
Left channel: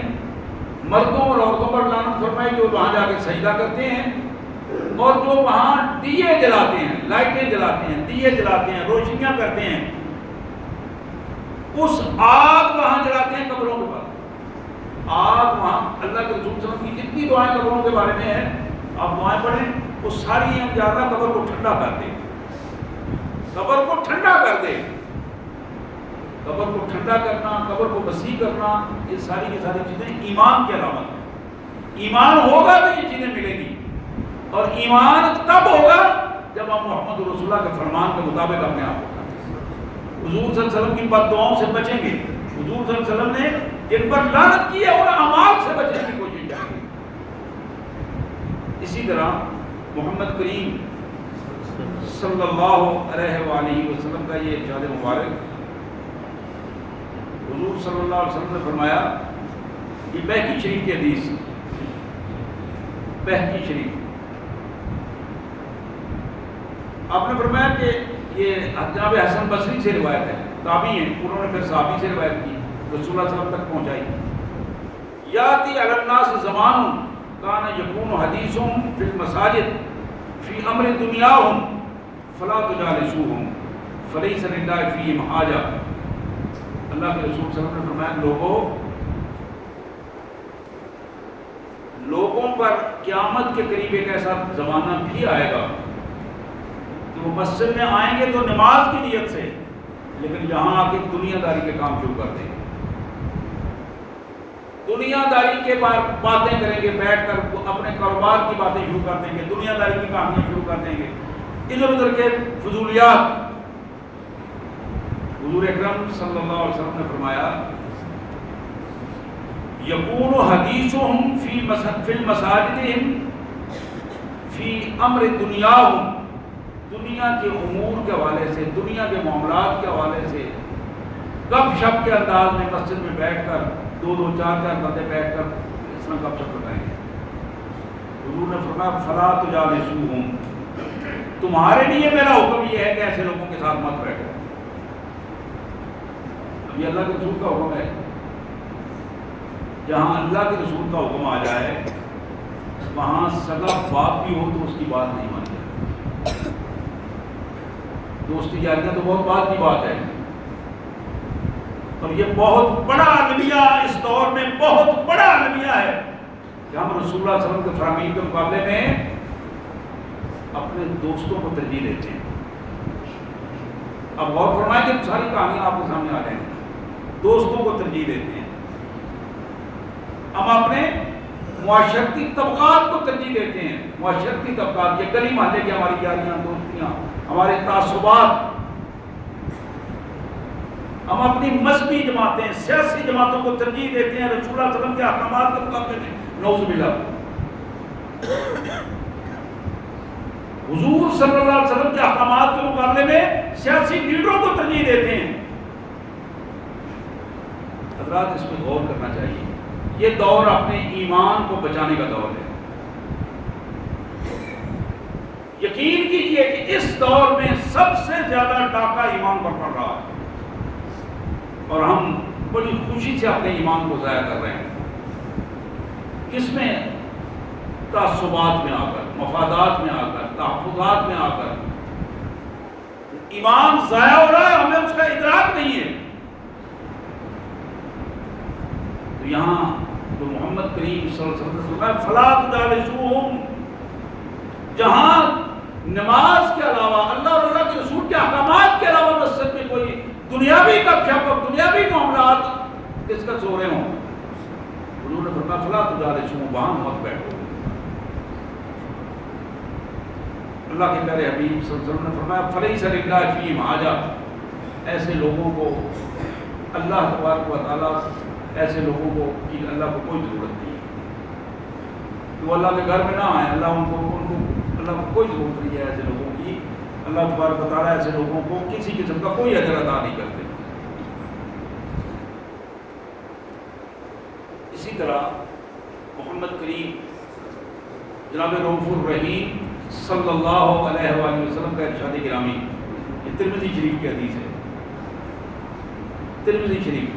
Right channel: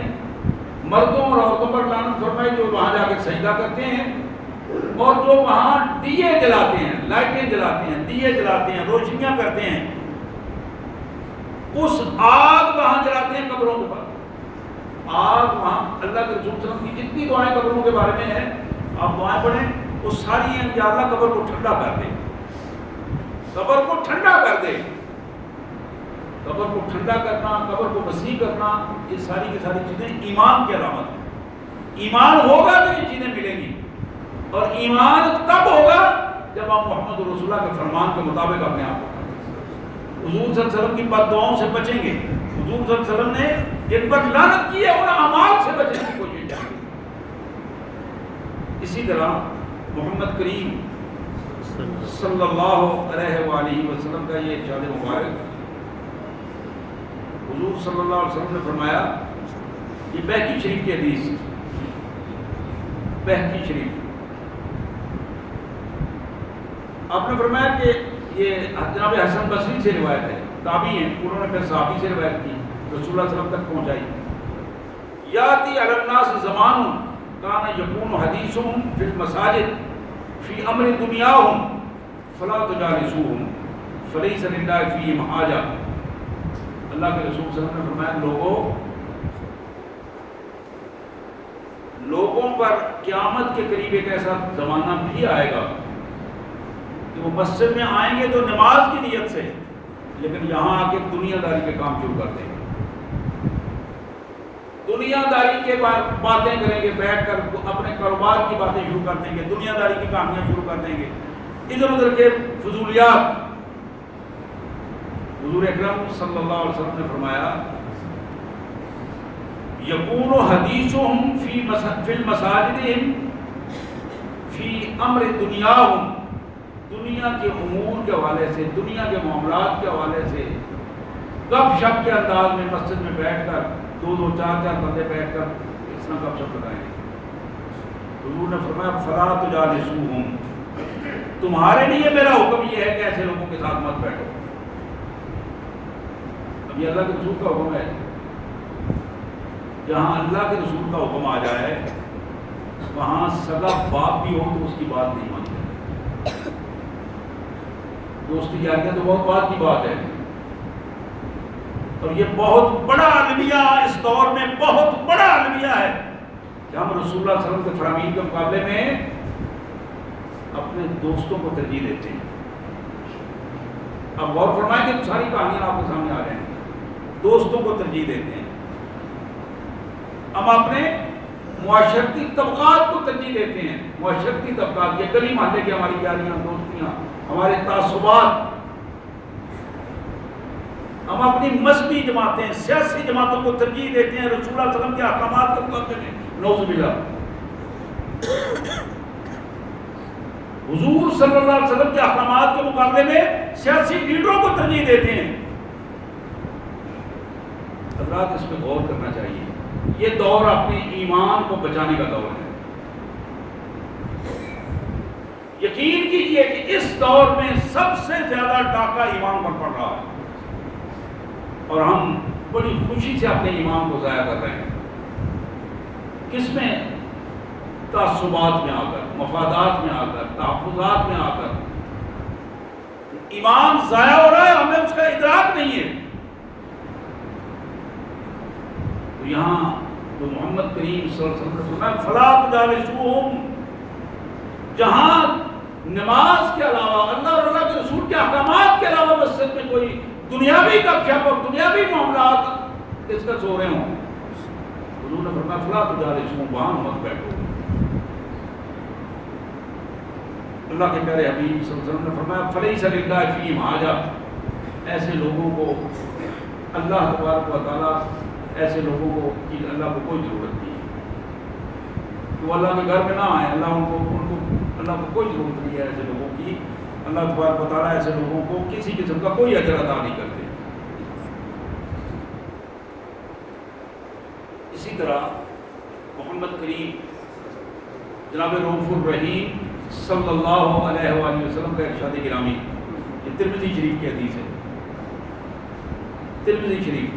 مردوں اور عورتوں پر لعنت فرمائی جو وہاں جا کے سجدہ کرتے ہیں، اور جو وہاں دیے جلاتے ہیں، لائٹیں جلاتے ہیں، دیے جلاتے ہیں، روشنیاں کرتے ہیں، اس آگ وہاں جلاتے ہیں قبروں کے پاس۔ آگ وہاں اللہ کے رسول صلی اللہ علیہ وسلم کی جتنی دعائیں قبروں کے بارے میں ہیں آپ دعائیں پڑھیں، وہ ساری ہیں کہ اللہ قبر کو ٹھنڈا کر دے، قبر کو ٹھنڈا کر دے۔ قبر کو ٹھنڈا کرنا، قبر کو وسیع کرنا، یہ ساری کی ساری چیزیں ایمان کی علامت ہیں۔ ایمان ہوگا تو یہ چیزیں ملیں گی، اور ایمان تب ہوگا جب ہم محمد رسول اللہ کے فرمان کے مطابق اپنے آپ کو کریں۔ حضور صلی اللہ علیہ وسلم کی بد دعاؤں سے بچیں گے۔ حضور صلی اللہ علیہ وسلم نے جن پر لعنت کی ہے ان اعمال سے بچنے کی کوشش کریں گے۔ اسی طرح محمد کریم صلی اللہ علیہ وآلہ وسلم کا یہ ارشاد مبارک، حضور صلی اللہ علیہ وسلم نے فرمایا، یہ بہقی شریف کی حدیث، بہقی شریف، آپ نے فرمایا کہ یہ جناب حسن بصری سے روایت ہے، تابعی ہیں، انہوں نے پھر صحابی سے روایت کی، رسول اللہ صلی اللہ علیہ وسلم تک پہنچائی۔ یاتی علی الناس زمان کان یکون حدیثهم فی المساجد فی امر دنیاہم فلا تجالسوہم فلیس للہ فیہم حاجہ۔ اللہ کے رسول صلی اللہ علیہ وسلم نے فرمایا لوگوں پر قیامت کے قریب ایک ایسا زمانہ بھی آئے گا کہ وہ مسجد میں آئیں گے تو نماز کی نیت سے، لیکن یہاں آ کے دنیا داری کے کام شروع کر دیں گے، دنیا داری کے باتیں کریں گے، بیٹھ کر اپنے کاروبار کی باتیں شروع کر دیں گے، دنیا داری کی کہانیاں شروع کر دیں گے، ادھر ادھر کے فضولیات۔ حضور اکرم صلی اللہ علیہ وسلم نے فرمایا یکون حدیثہم فی المساجدہم فی امر دنیاہم، دنیا کے امور کے حوالے سے، دنیا کے معاملات کے حوالے سے گپ شپ کے انداز میں مسجد میں بیٹھ کر دو دو چار چار بندے بیٹھ کر اس طرح گپ شپ لگائیں گے۔ حضور نے فرمایا فلا تجالسوہم، تمہارے لیے میرا حکم یہ ہے کہ ایسے لوگوں کے ساتھ مت بیٹھو۔ اب یہ اللہ کے رسول کا حکم ہے، جہاں اللہ کے رسول کا حکم آ جائے وہاں سگا باپ بھی ہو تو اس کی بات نہیں مانی جاتی۔ دوستی یاریاں تو بہت بات کی بات ہے، اور یہ بہت بڑا المیہ اس دور میں بہت بڑا المیہ ہے کہ ہم رسول اللہ صلی اللہ علیہ وسلم کے فرامین کے مقابلے میں اپنے دوستوں کو ترجیح دیتے ہیں۔ اب غور فرمائیں کہ ساری کہانیاں آپ کے سامنے آ جائیں گی. دوستوں کو ترجیح دیتے ہیں, ہم اپنے معاشرتی طبقات کو ترجیح دیتے ہیں. معاشرتی طبقات, یہ گلی محلے کی ہماری یاریاں دوستیاں, ہمارے تعصبات, ہم اپنی مذہبی جماعتیں, سیاسی جماعتوں کو ترجیح دیتے ہیں رسول اللہ صلی اللہ علیہ وسلم کے احکامات کے مقابلے میں. نعوذ باللہ. حضور صلی اللہ علیہ وسلم کے احکامات کے مقابلے میں سیاسی لیڈروں کو ترجیح دیتے ہیں. حضرات اس پہ غور کرنا چاہیے. یہ دور اپنے ایمان کو بچانے کا دور ہے. یقین کیجئے کہ اس دور میں سب سے زیادہ ڈاکہ ایمان پر پڑ رہا ہے, اور ہم بڑی خوشی سے اپنے ایمان کو ضائع کر رہے ہیں. کس میں؟ تعصبات میں آ کر, مفادات میں آ کر, تحفظات میں آ کر. ایمان ضائع ہو رہا ہے, ہمیں اس کا ادراک نہیں ہے. تو یہاں جو محمد کریم صلی اللہ علیہ وسلم نے فرمایا فلا تجالسوہم, جہاں نماز کے علاوہ, اللہ اور اللہ کے رسول کے احکامات کے علاوہ مسجد میں کوئی دنیاوی گپ شپ اور دنیاوی معاملات ڈسکس ہو رہے ہوں, حضور نے فرمایا فلا تجالسوہم, وہاں مت بیٹھو. اللہ کے پیارے حبیب صلی اللہ علیہ وسلم نے فرمایا فلیس للہ فیہم حاجہ, ایسے لوگوں کو اللہ تبارک و تعالیٰ, ایسے لوگوں کو کہ اللہ کو کوئی ضرورت نہیں ہے, وہ اللہ کے گھر میں نہ آئیں. اللہ اللہ کو کوئی ضرورت نہیں ہے ایسے لوگوں کی. اللہ تبارک و تعالیٰ ایسے لوگوں کو کسی قسم کا کوئی اجر ادا نہیں کرتے. اسی طرح محمد کریم جناب رؤوف الرحیم صلی اللہ علیہ وآلہ وسلم کا ارشاد گرامی, یہ ترمذی شریف کی حدیث ہے. ترمذی شریف,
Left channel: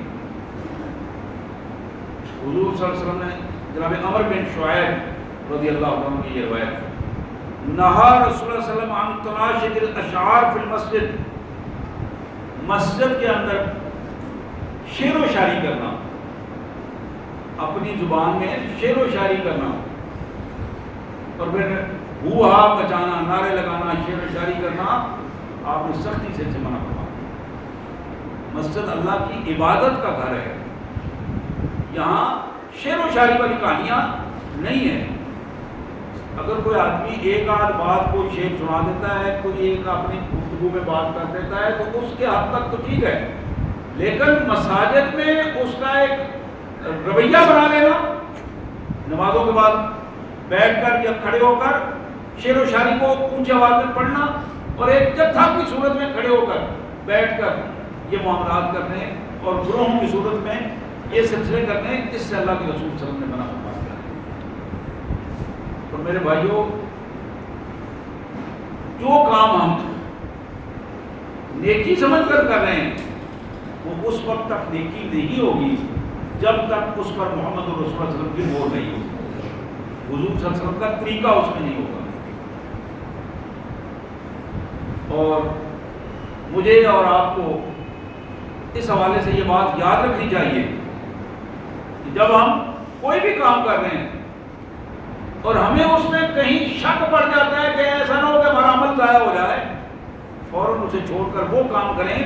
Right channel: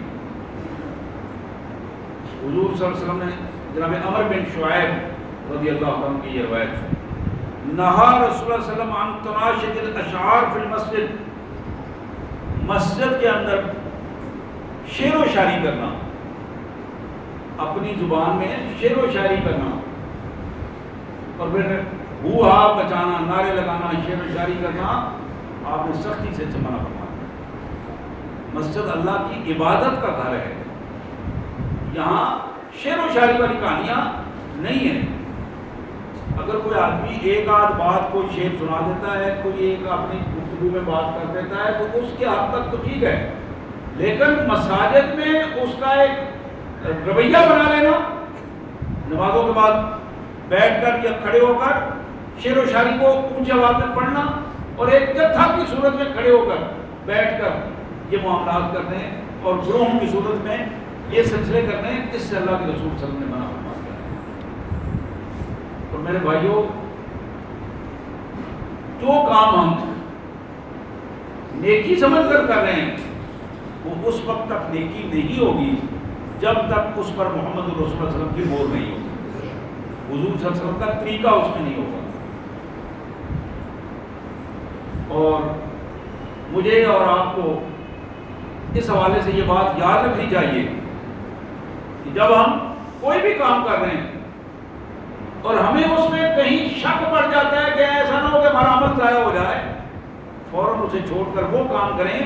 حضور صلی اللہ علیہ وسلم نے جناب عمر بن شعیب رضی اللہ عنہ کی یہ روایت ہے, نہا رسول اللہ صلی اللہ علیہ وسلم عن تناشد الاشعار فی المسجد, مسجد کے اندر شعر و شاعری کرنا, اپنی زبان میں شعر و شاعری کرنا, اور پھر ہوا بچانا, نعرے لگانا, شعر و شاعری کرنا, آپ نے سختی سے منع فرمایا. مسجد اللہ کی عبادت کا گھر ہے, یہاں شعر و شاعری والی کہانیاں نہیں ہیں. اگر کوئی آدمی ایک آدھ بات کوئی شعر سنا دیتا ہے, کوئی ایک اپنی گفتگو میں بات کر دیتا ہے, تو اس کے حد تک تو ٹھیک ہے, لیکن مساجد میں اس کا ایک رویہ بنا لینا, نمازوں کے بعد بیٹھ کر یا کھڑے ہو کر شعر و شاعری کو اونچی آواز میں پڑھنا, اور ایک جتھا کی صورت میں کھڑے ہو کر بیٹھ کر یہ معاملات کرنے, اور گروہوں کی صورت میں یہ سلسلے کرنے, جس سے اللہ کے رسول صلی اللہ علیہ وسلم نے منع فرمایا. اور میرے بھائیوں, جو کام ہم نیکی سمجھ کر کر رہے ہیں وہ اس وقت تک نیکی نہیں ہوگی جب تک اس پر محمد رسول اللہ صلی اللہ علیہ وسلم کی مہر نہیں ہوگی, حضور صلی اللہ علیہ وسلم کا طریقہ اس میں نہیں ہوگا. اور مجھے اور آپ کو اس حوالے سے یہ بات یاد رکھنی چاہیے کہ جب ہم کوئی بھی کام کر رہے ہیں اور ہمیں اس میں کہیں شک پڑ جاتا ہے کہ ایسا نہ ہو کہ ہمارا عمل ضائع ہو جائے, فوراً اسے چھوڑ کر وہ کام کریں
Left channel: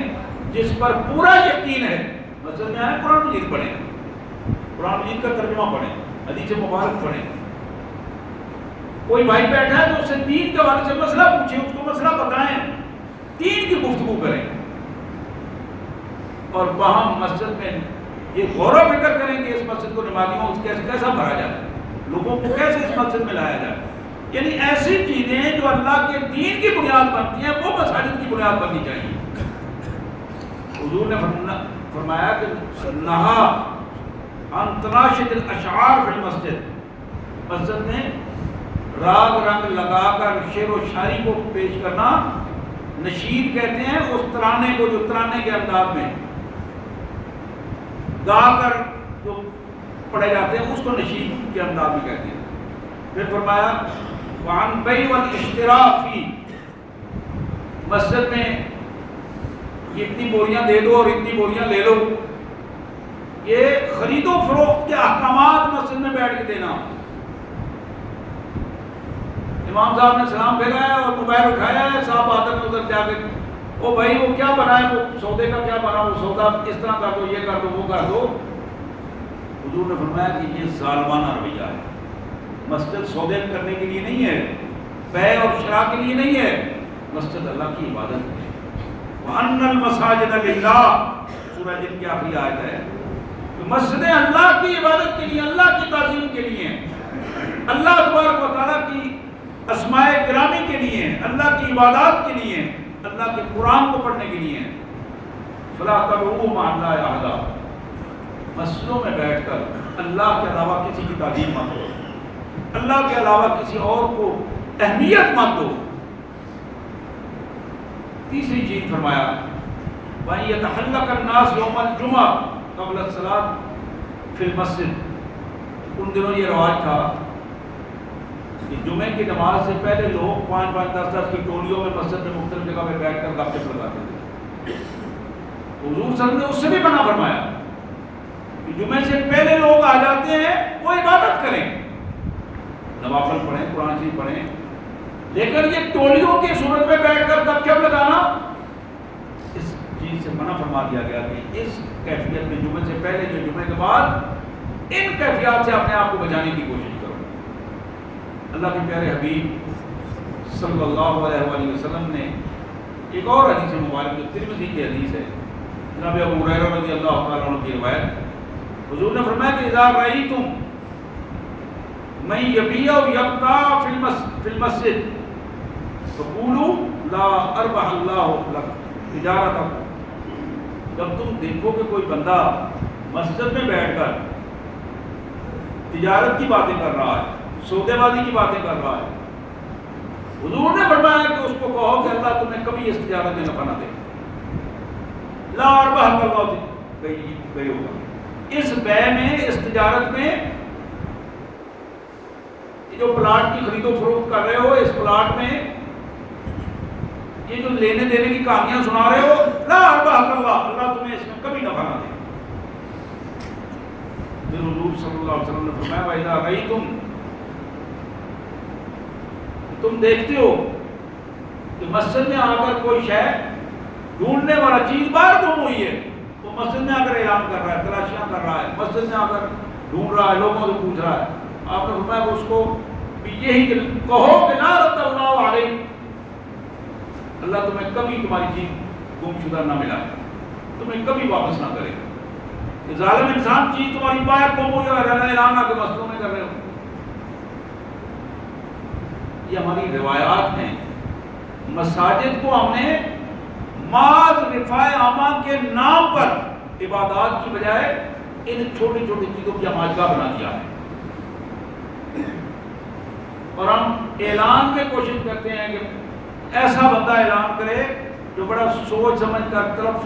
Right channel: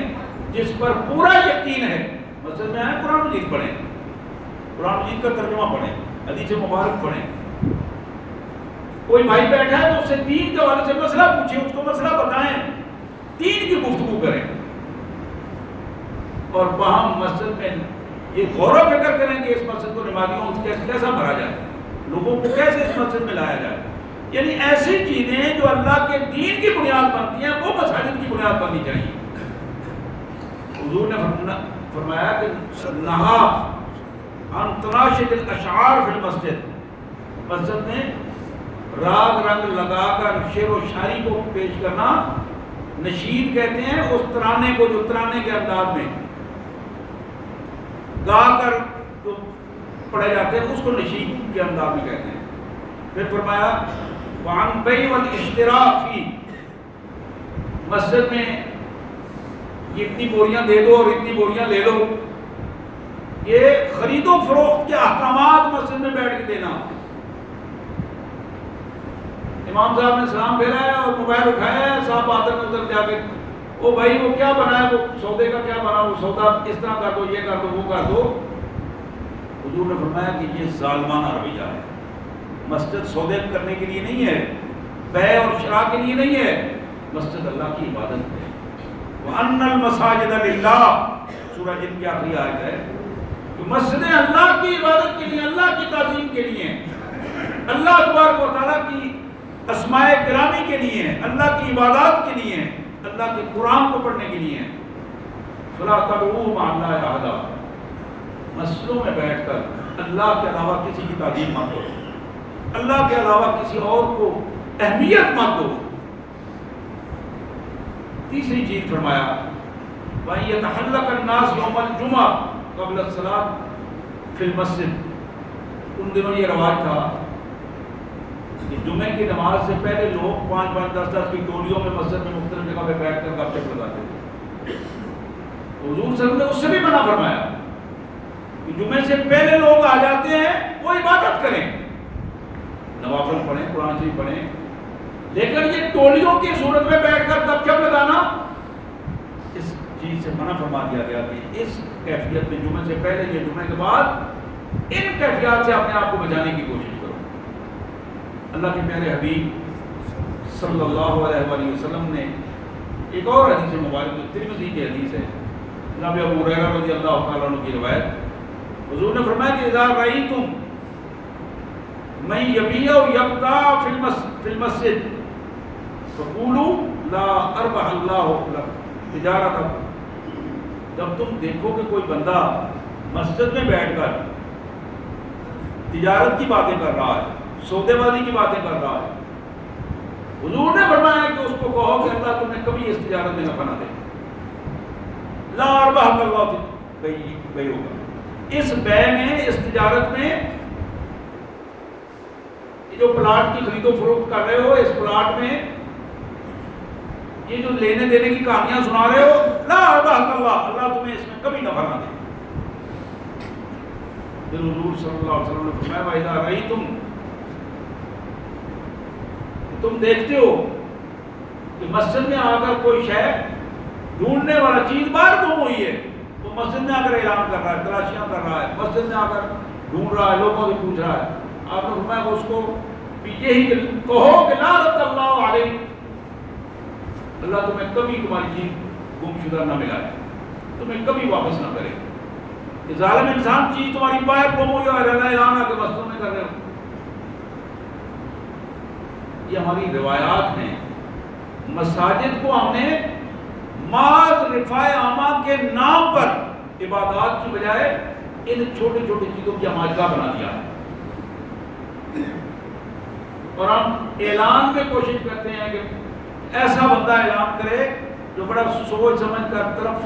جس پر پورا یقین ہے. مسجد میں آئیں, قرآن مجید پڑھیں, قرآن مجید کا ترجمہ پڑھیں, حدیث مبارک پڑھیں. کوئی بھائی بیٹھا ہے تو اس سے دین کے حوالے سے مسئلہ پوچھیں, اس کو مسئلہ بتائیں, دین کی گفتگو کریں, اور وہاں مسجد میں یہ غور و فکر کریں کہ اس مسجد کو نمازیوں سے کیسا بھرا جائے, لوگوں کو کیسے اس مسجد میں لایا جائے. یعنی ایسی چیزیں جو اللہ کے دین کی بنیاد بنتی ہیں وہ مساجد کی بنیاد بننی چاہیے. حضور نے فرمایا کہ نہا عن تناشد الاشعار فی المسجد, مسجد میں راگ رنگ لگا کر شعر و شاعری کو پیش کرنا, نشید کہتے ہیں اس ترانے کو جو ترانے کے انداز میں گا کر جو پڑھے جاتے ہیں اس کو نشید کے انداز میں کہتے ہیں. پھر فرمایا وعن بیع والاشتراء فی, مسجد میں یہ اتنی بوریاں دے دو اور اتنی بوریاں لے لو, یہ خرید و فروخت کے احکامات مسجد میں بیٹھ کے دینا. امام صاحب نے سلام پھیرا ہے اور موبائل اٹھایا ہے, صاحب آدمی ادھر جا کے او بھائی وہ کیا بنا ہے، وہ سودے کا کیا بنا، وہ سودا اس طرح کر دو، یہ کر دو، وہ کر دو. حضور نے فرمایا کہ یہ ظالمانہ رویہ ہے. مسجد سودے کرنے کے لیے نہیں ہے، بے اور شراء کے لیے نہیں ہے، مسجد اللہ کی عبادت ہے. وَأَنَّ الْمَسَاجِدَ لِلَّهِ، سورہ جن کی آخری آیت ہے کہ مسجدیں اللہ کی عبادت کے لیے، اللہ کی تعظیم کے لیے ہیں، اللہ تبارک و تعالیٰ کی اسماء گرامی کے لیے ہیں، اللہ کی عبادات کے لیے ہیں، اللہ کے قرآن کو پڑھنے کے لیے ہیں. فَلَا تَدْعُوا مَعَ اللَّهِ أَحَدًا، مسجدوں میں بیٹھ کر اللہ کے علاوہ کسی کی تعظیم مت دو، اللہ کے علاوہ کسی اور کو اہمیت مت دو. تیسری چیز فرمایا وَأَن يَتَحَلَّقَ النَّاسُ يَوْمَ الْجُمْعَةِ قَبْلَ الصَّلَاةِ فِي الْمَسْجِدِ. ان دنوں یہ رواج تھا کہ جمعے کی نماز سے پہلے لوگ 5-5 10-10 کی ٹولیوں میں مسجد میں مختلف جگہ پہ بیٹھ کر گپ شپ لگاتے تھے. حضور صلی اللہ علیہ وسلم نے اس سے بھی منع فرمایا کہ جمعے سے پہلے لوگ آ جاتے ہیں وہ عبادت کریں، نوافل پڑھیں، قرآن شریف پڑھیں، لیکن یہ ٹولیوں کی صورت میں بیٹھ کر گپ شپ لگانا، اس چیز سے منع فرما دیا گیا کہ اس کیفیت میں جمعے سے پہلے یا جمعے کے بعد ان کیفیات سے اپنے آپ کو بچانے کی کوشش کرو. اللہ کے پیارے حبیب صلی اللہ علیہ وآلہ وسلم نے ایک اور حدیث مبارک جو ترمذی کی حدیث ہے، جناب ابو ہریرہ رضی اللہ تعالیٰ عنہ کی روایت، حضور نے فرمایا کہ اذا رأیتم من یبیع یبتاع فی المسجد فقولوا لا اربح اللہ لک تجارتہ. جب تم دیکھو کہ کوئی بندہ مسجد میں بیٹھ کر تجارت کی باتیں کر رہا ہے، سودے بازی کی باتیں کر رہا ہے، حضور نے فرمایا کہ اس کو کہو کہ اللہ تمہیں کبھی اس تجارت میں نفع نہ دے. لا اربح اللہ بے ہوگا، اس بے میں، اس تجارت میں، جو پلاٹ کی خرید و فروخت کر رہے ہو، اس پلاٹ میں یہ جو لینے دینے کی کہانیاں سنا رہے ہو، لا اربح اللہ، اللہ تمہیں اس میں کبھی نفع نہ دے. پھر حضور صلی اللہ علیہ وسلم نے فرمایا وَإِذَا رَأَيْتُمْ، تم دیکھتے ہو کہ مسجد میں آ کر کوئی شے ڈھونڈنے والا چیز باہر گم ہوئی ہے، تو مسجد میں آ کر اعلان کر رہا ہے، تلاشیاں کر رہا ہے، مسجد میں آ کر ڈھونڈ رہا ہے، لوگوں سے پوچھ رہا ہے، آپ نے فرمایا کہ اس کو بھی یہی کہو کہ لا رد اللہ علیہ، اللہ تمہیں کبھی تمہاری چیز گم شدہ نہ ملائے، تمہیں کبھی واپس نہ کرے. کہ ظالم انسان چیز تمہاری باہر گم ہوئی اور اعلان آ کے مسجدوں میں کر رہے ہو. یہ ہماری روایات ہیں. مساجد کو ہم نے معاذ رفاع عامہ کے نام پر عبادات کی بجائے ان چھوٹی چھوٹی چیزوں کی ہماجگاہ بنا دیا ہے، اور ہم اعلان میں کوشش کرتے ہیں کہ ایسا بندہ اعلان کرے جو بڑا سوچ سمجھ کر طرف